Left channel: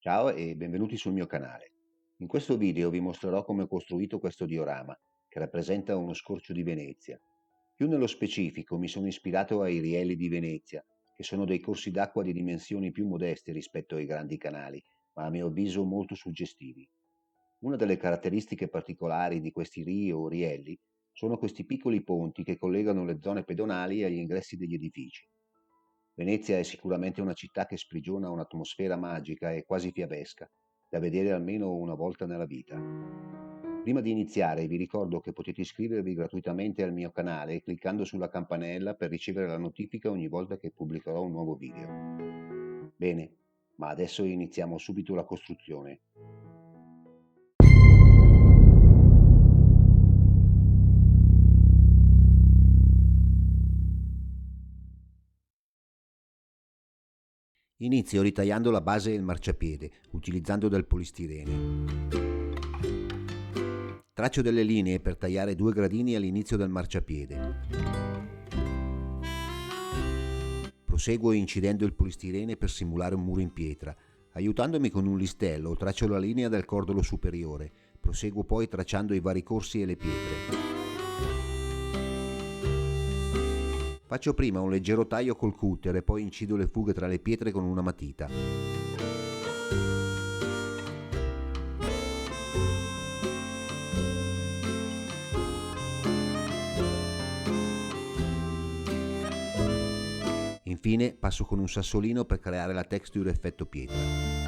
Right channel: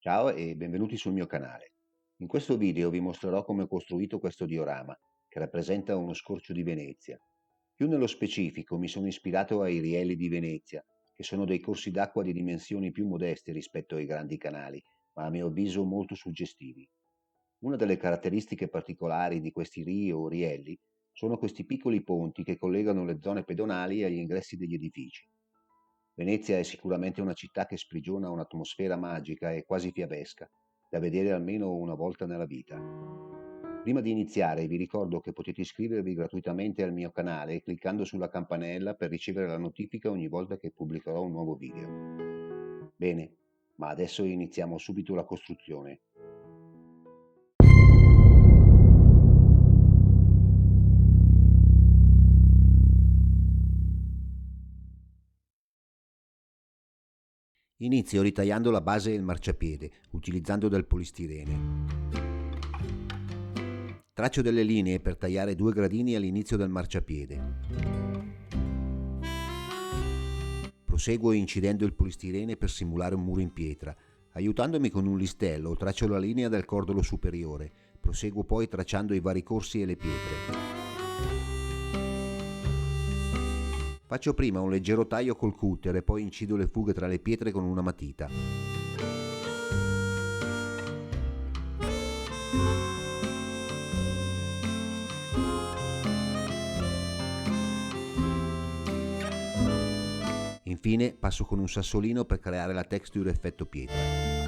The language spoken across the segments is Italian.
Ciao e benvenuti sul mio canale. In questo video vi mostrerò come ho costruito questo diorama, che rappresenta uno scorcio di Venezia. Più nello specifico mi sono ispirato ai rielli di Venezia, che sono dei corsi d'acqua di dimensioni più modeste rispetto ai grandi canali, ma a mio avviso molto suggestivi. Una delle caratteristiche particolari di questi rii o rielli sono questi piccoli ponti che collegano le zone pedonali agli ingressi degli edifici. Venezia è sicuramente una città che sprigiona un'atmosfera magica e quasi fiabesca, da vedere almeno una volta nella vita. Prima di iniziare vi ricordo che potete iscrivervi gratuitamente al mio canale cliccando sulla campanella per ricevere la notifica ogni volta che pubblicherò un nuovo video. Bene, ma adesso iniziamo subito la costruzione. Inizio ritagliando la base del marciapiede, utilizzando del polistirene. Traccio delle linee per tagliare due gradini all'inizio del marciapiede. Proseguo incidendo il polistirene per simulare un muro in pietra. Aiutandomi con un listello, traccio la linea del cordolo superiore. Proseguo poi tracciando i vari corsi e le pietre. Faccio prima un leggero taglio col cutter e poi incido le fughe tra le pietre con una matita. Infine passo con un sassolino per creare la texture effetto pietra.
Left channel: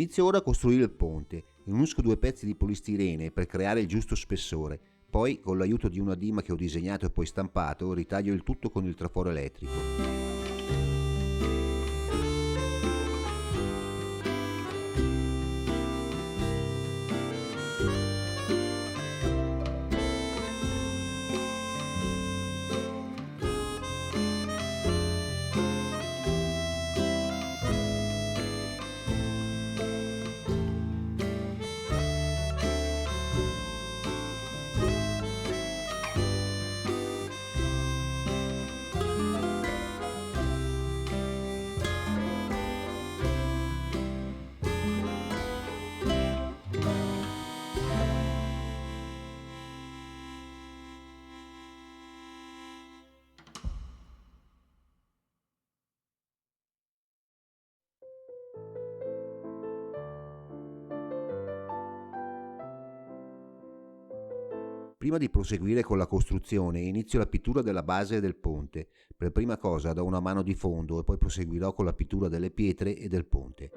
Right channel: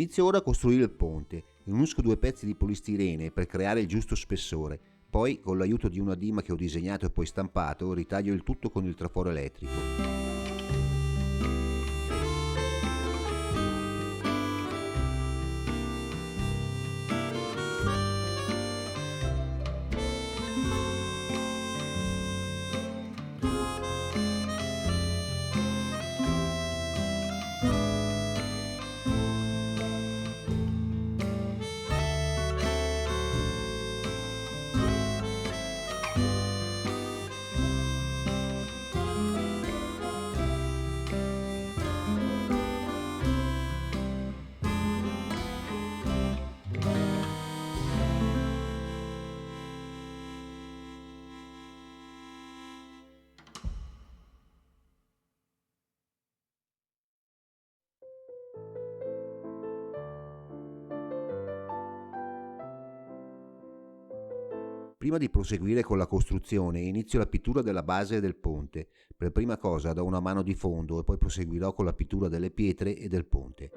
Inizio ora a costruire il ponte. Unisco due pezzi di polistirene per creare il giusto spessore. Poi, con l'aiuto di una dima che ho disegnato e poi stampato, ritaglio il tutto con il traforo elettrico. Prima di proseguire con la costruzione, inizio la pittura della base del ponte. Per prima cosa do una mano di fondo e poi proseguirò con la pittura delle pietre e del ponte.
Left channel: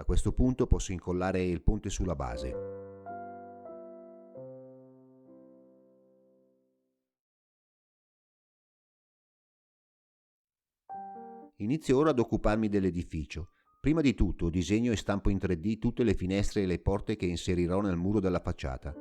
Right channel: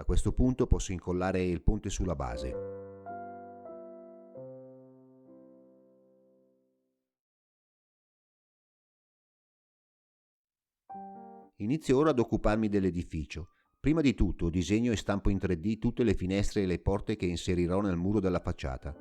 A questo punto posso incollare il ponte sulla base. Inizio ora ad occuparmi dell'edificio. Prima di tutto disegno e stampo in 3D tutte le finestre e le porte che inserirò nel muro della facciata.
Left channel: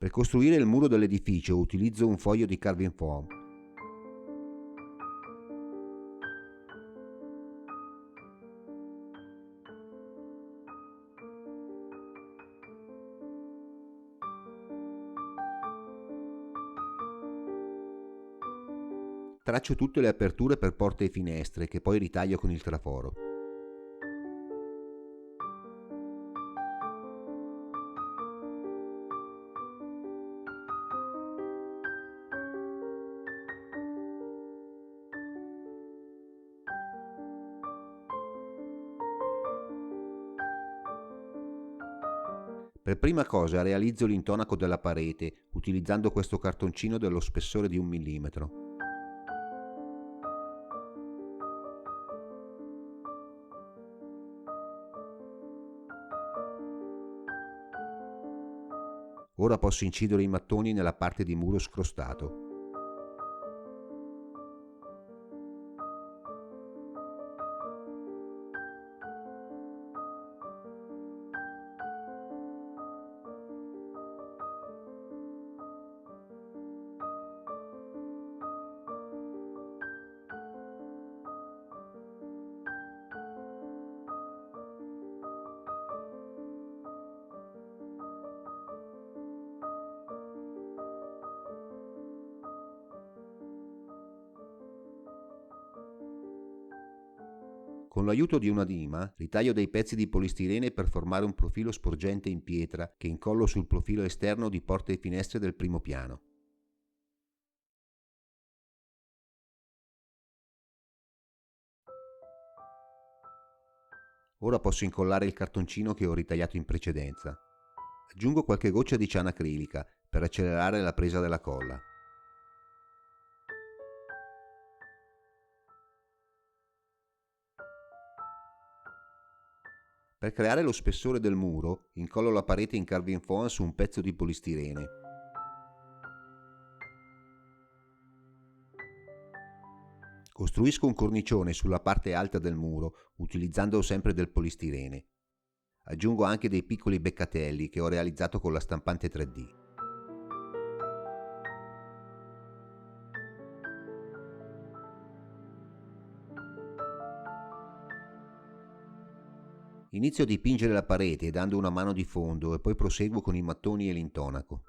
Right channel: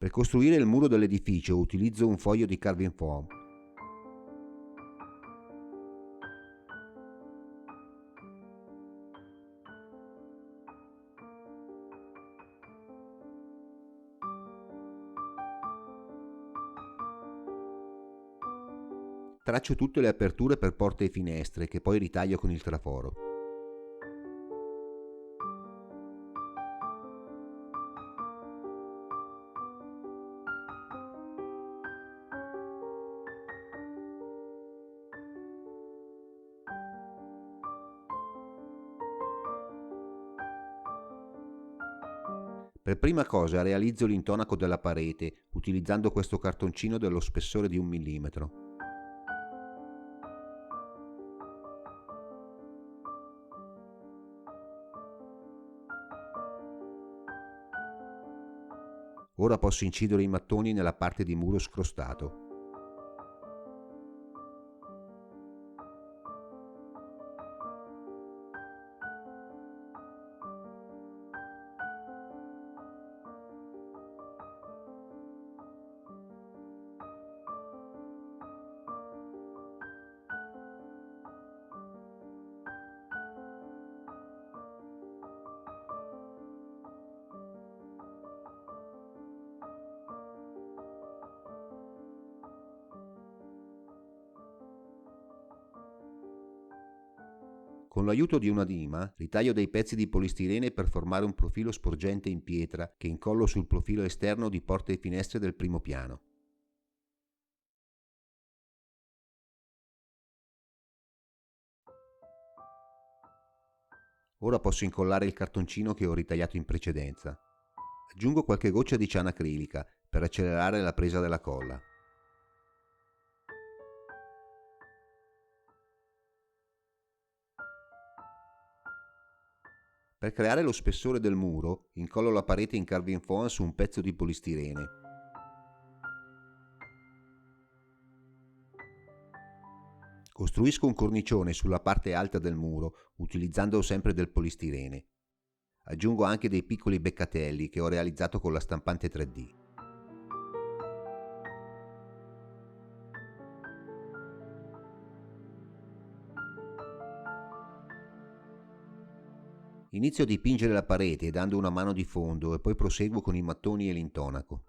Per costruire il muro dell'edificio utilizzo un foglio di carving foam. Traccio tutte le aperture per porte e finestre che poi ritaglio con il traforo. Per prima cosa realizzo l'intonaco della parete utilizzando questo cartoncino dello spessore di 1 mm. Ora posso incidere i mattoni nella parte di muro scrostato. Con l'aiuto di una lima ritaglio dei pezzi di polistirene per formare un profilo sporgente in pietra che incollo sul profilo esterno di porte e finestre del primo piano. Ora posso incollare il cartoncino che ho ritagliato in precedenza. Aggiungo qualche goccia di ciana acrilica per accelerare la presa della colla. Per creare lo spessore del muro, incollo la parete in carving foam su un pezzo di polistirene. Costruisco un cornicione sulla parte alta del muro, utilizzando sempre del polistirene. Aggiungo anche dei piccoli beccatelli che ho realizzato con la stampante 3D. Inizio a dipingere la parete dando una mano di fondo e poi proseguo con i mattoni e l'intonaco.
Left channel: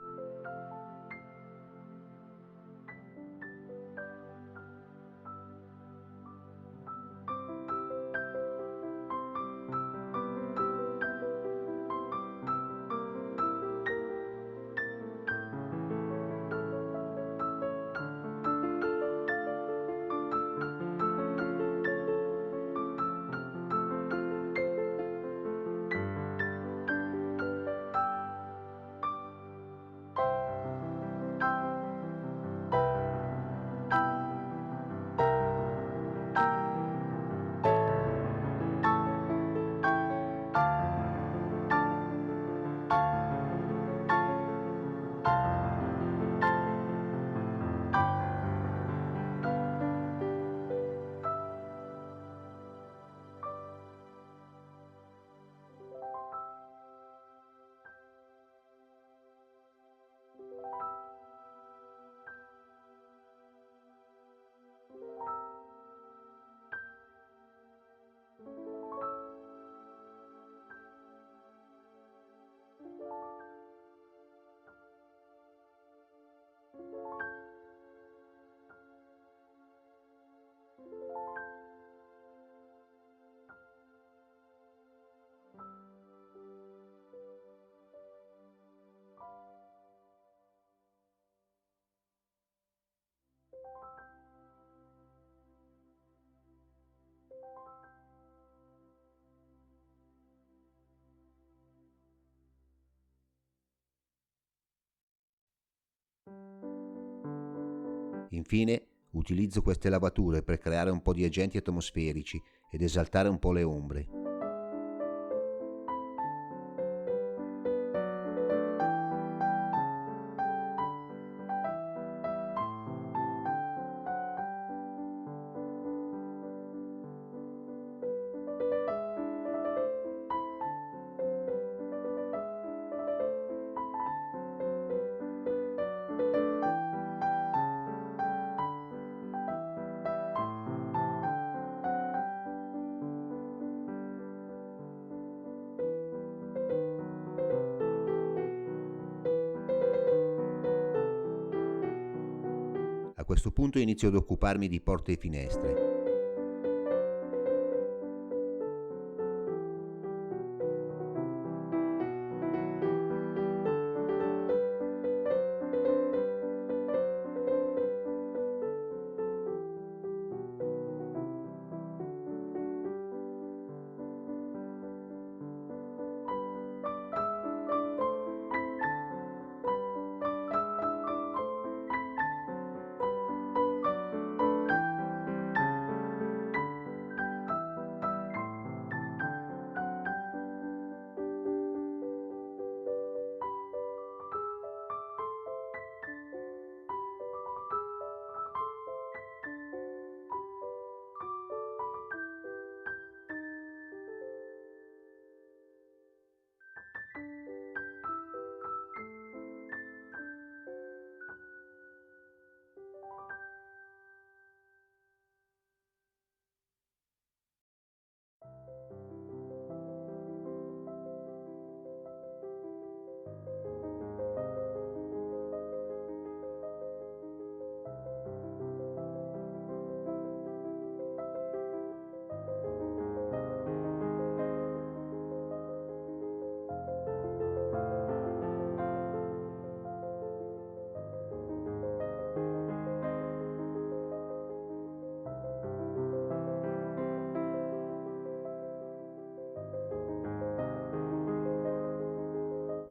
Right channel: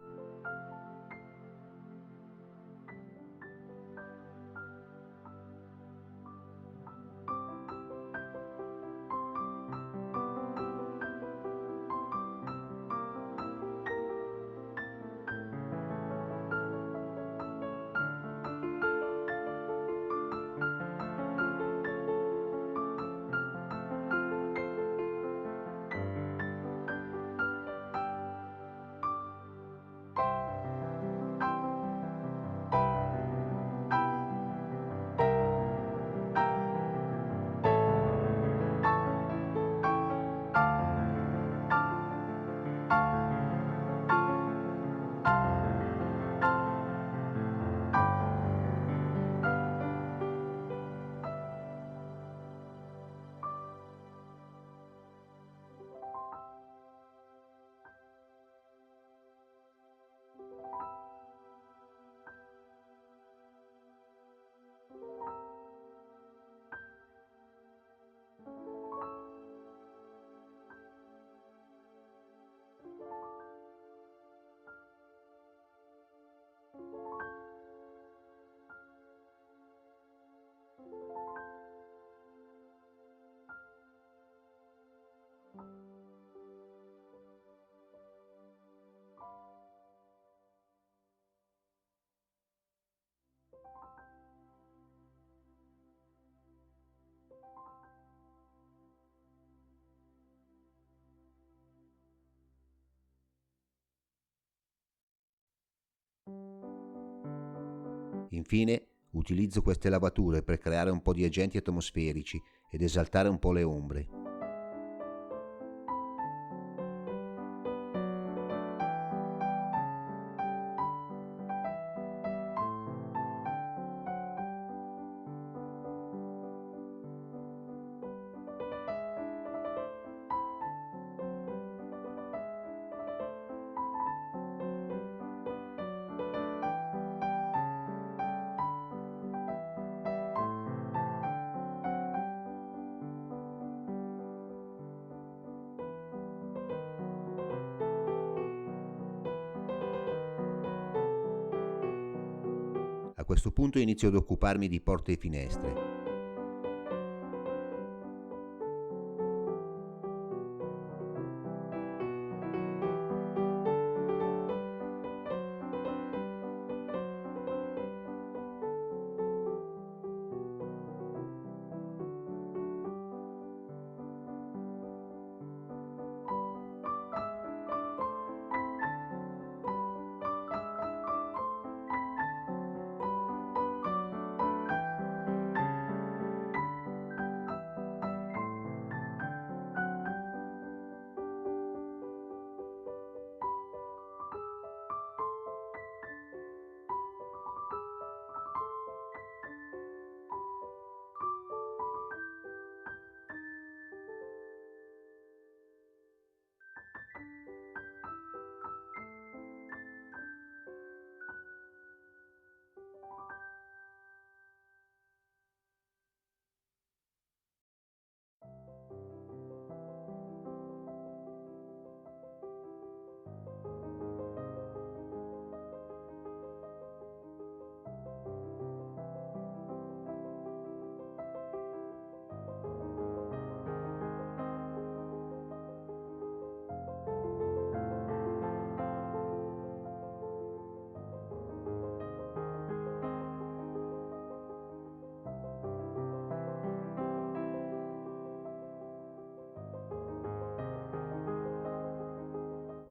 Infine, utilizzo queste lavature per creare un po' di agenti atmosferici ed esaltare un po' le ombre. A questo punto inizio ad occuparmi di porte e finestre.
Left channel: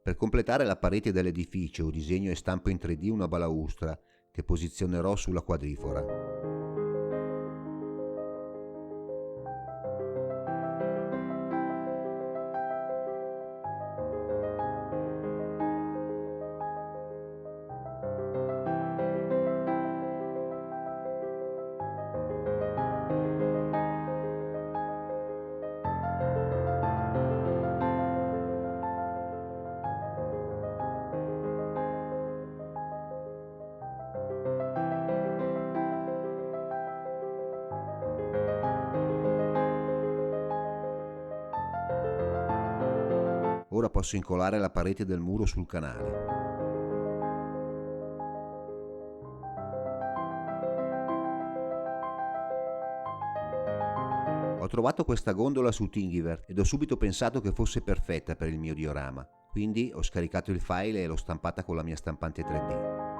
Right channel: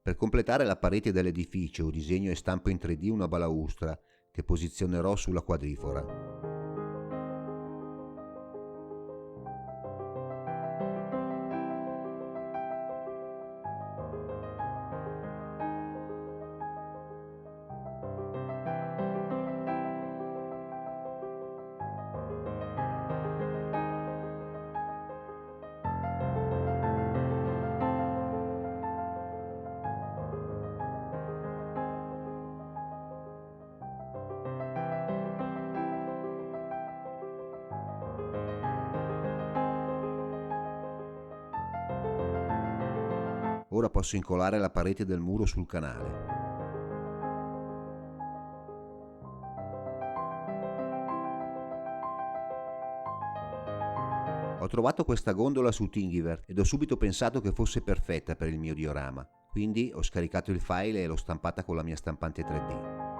Per completare la parete dell'edificio disegno e stampo in 3D una balaustra che posizionerò sulla quadrifora. Ora posso incolare la parete del muro sul canale. Ho trovato questa gondola su Thingiverse ed ho subito pensato che fosse perfetta per il mio diorama, quindi ho scaricato il file e l'ho stampata con la mia stampante 3D.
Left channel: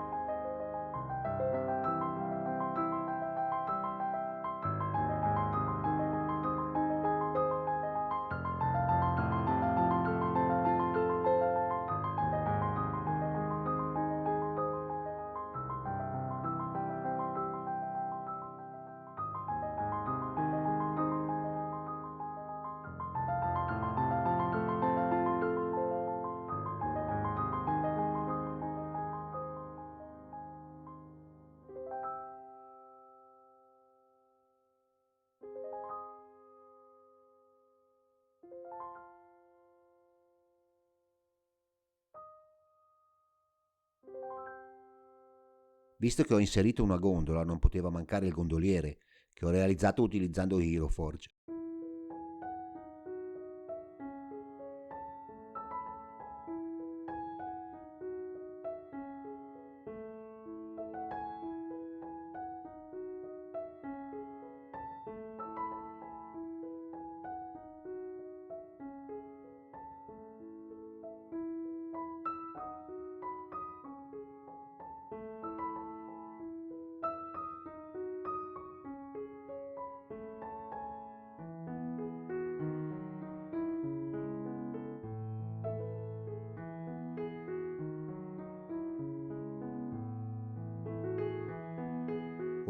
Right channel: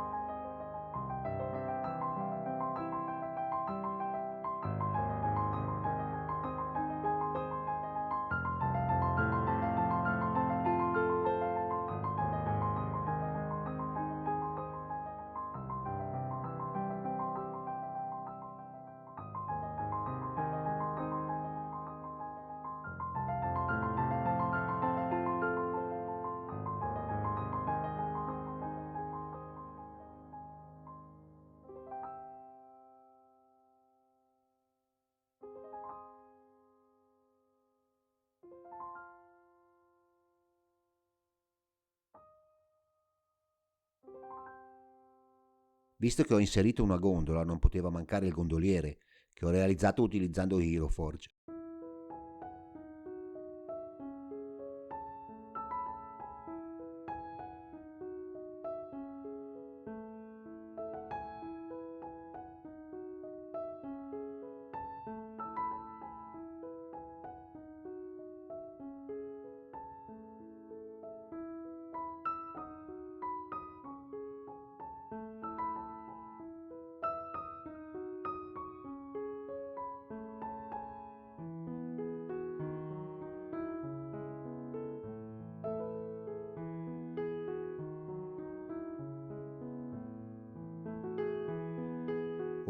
Visto che ho inserito una gondola, non poteva mancare il gondoliere, che ho realizzato utilizzando HeroForge.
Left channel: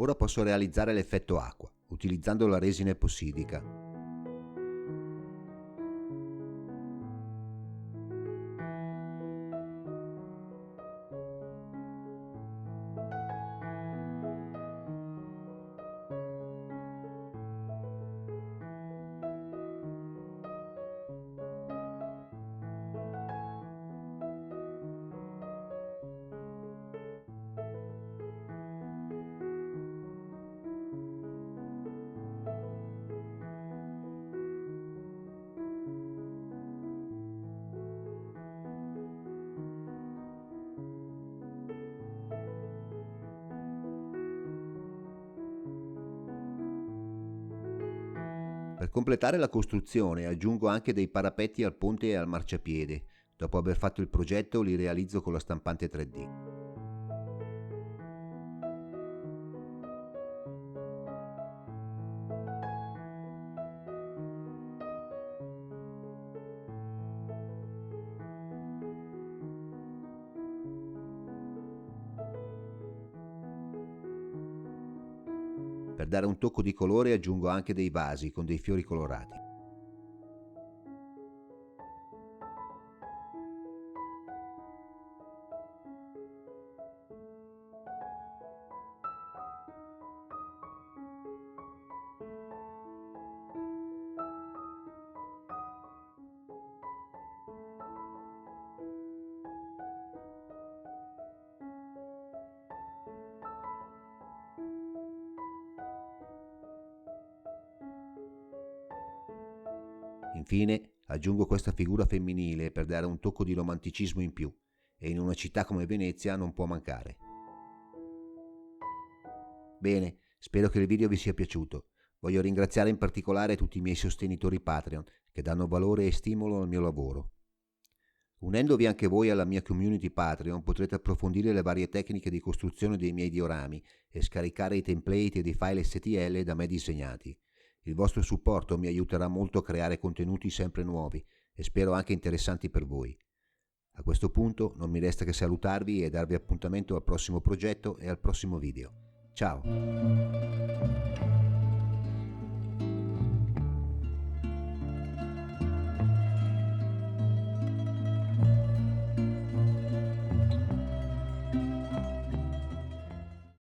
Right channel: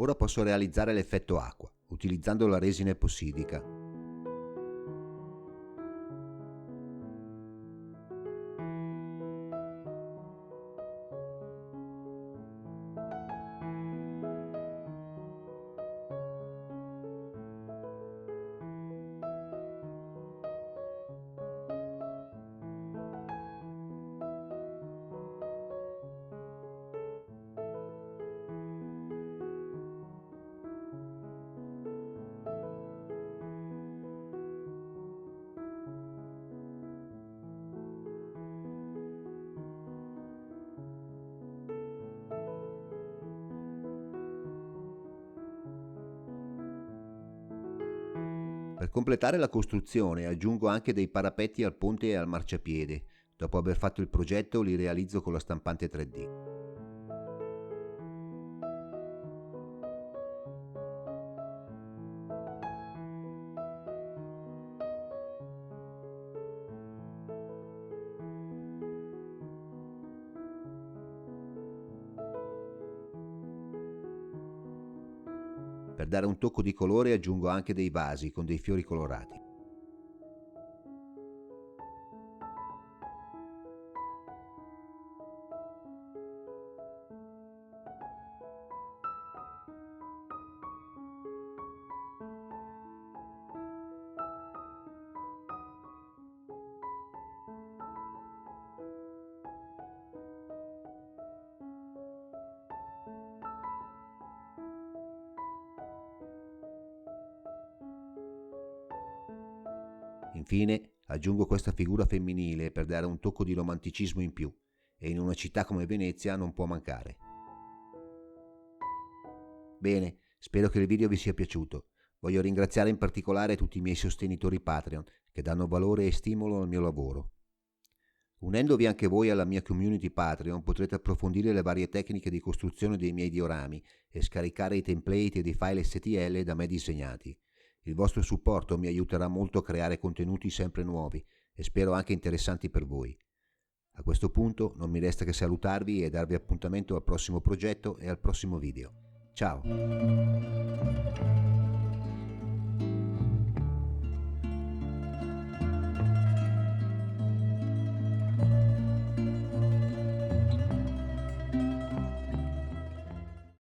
Ora posso realizzare l'effetto acqua, utilizzando la resina epossidica. Per completare la costruzione aggiungo anche dei parapetti al ponte e al marciapiede. Dopo aver fatto il progetto li realizzo con la stampante 3D. Per dare un tocco di colore aggiungo anche dei vasi con dei fiori colorati. Infine aggiungo questa figura femminile per dare un tocco di romanticismo in più, e in una città come Venezia non può mancare. Bene, spero che il video vi sia piaciuto. Voglio ringraziare in particolare tutti i miei sostenitori Patreon che danno valore e stimolo al mio lavoro. Unendovi anche voi alla mia community Patreon potrete approfondire le varie tecniche di costruzione dei miei diorami e scaricare i template e i file STL da me disegnati. Il vostro supporto mi aiuterà molto a creare contenuti sempre nuovi e spero anche interessanti per voi. A questo punto non mi resta che salutarvi e darvi appuntamento al prossimo progetto e al prossimo video. Ciao!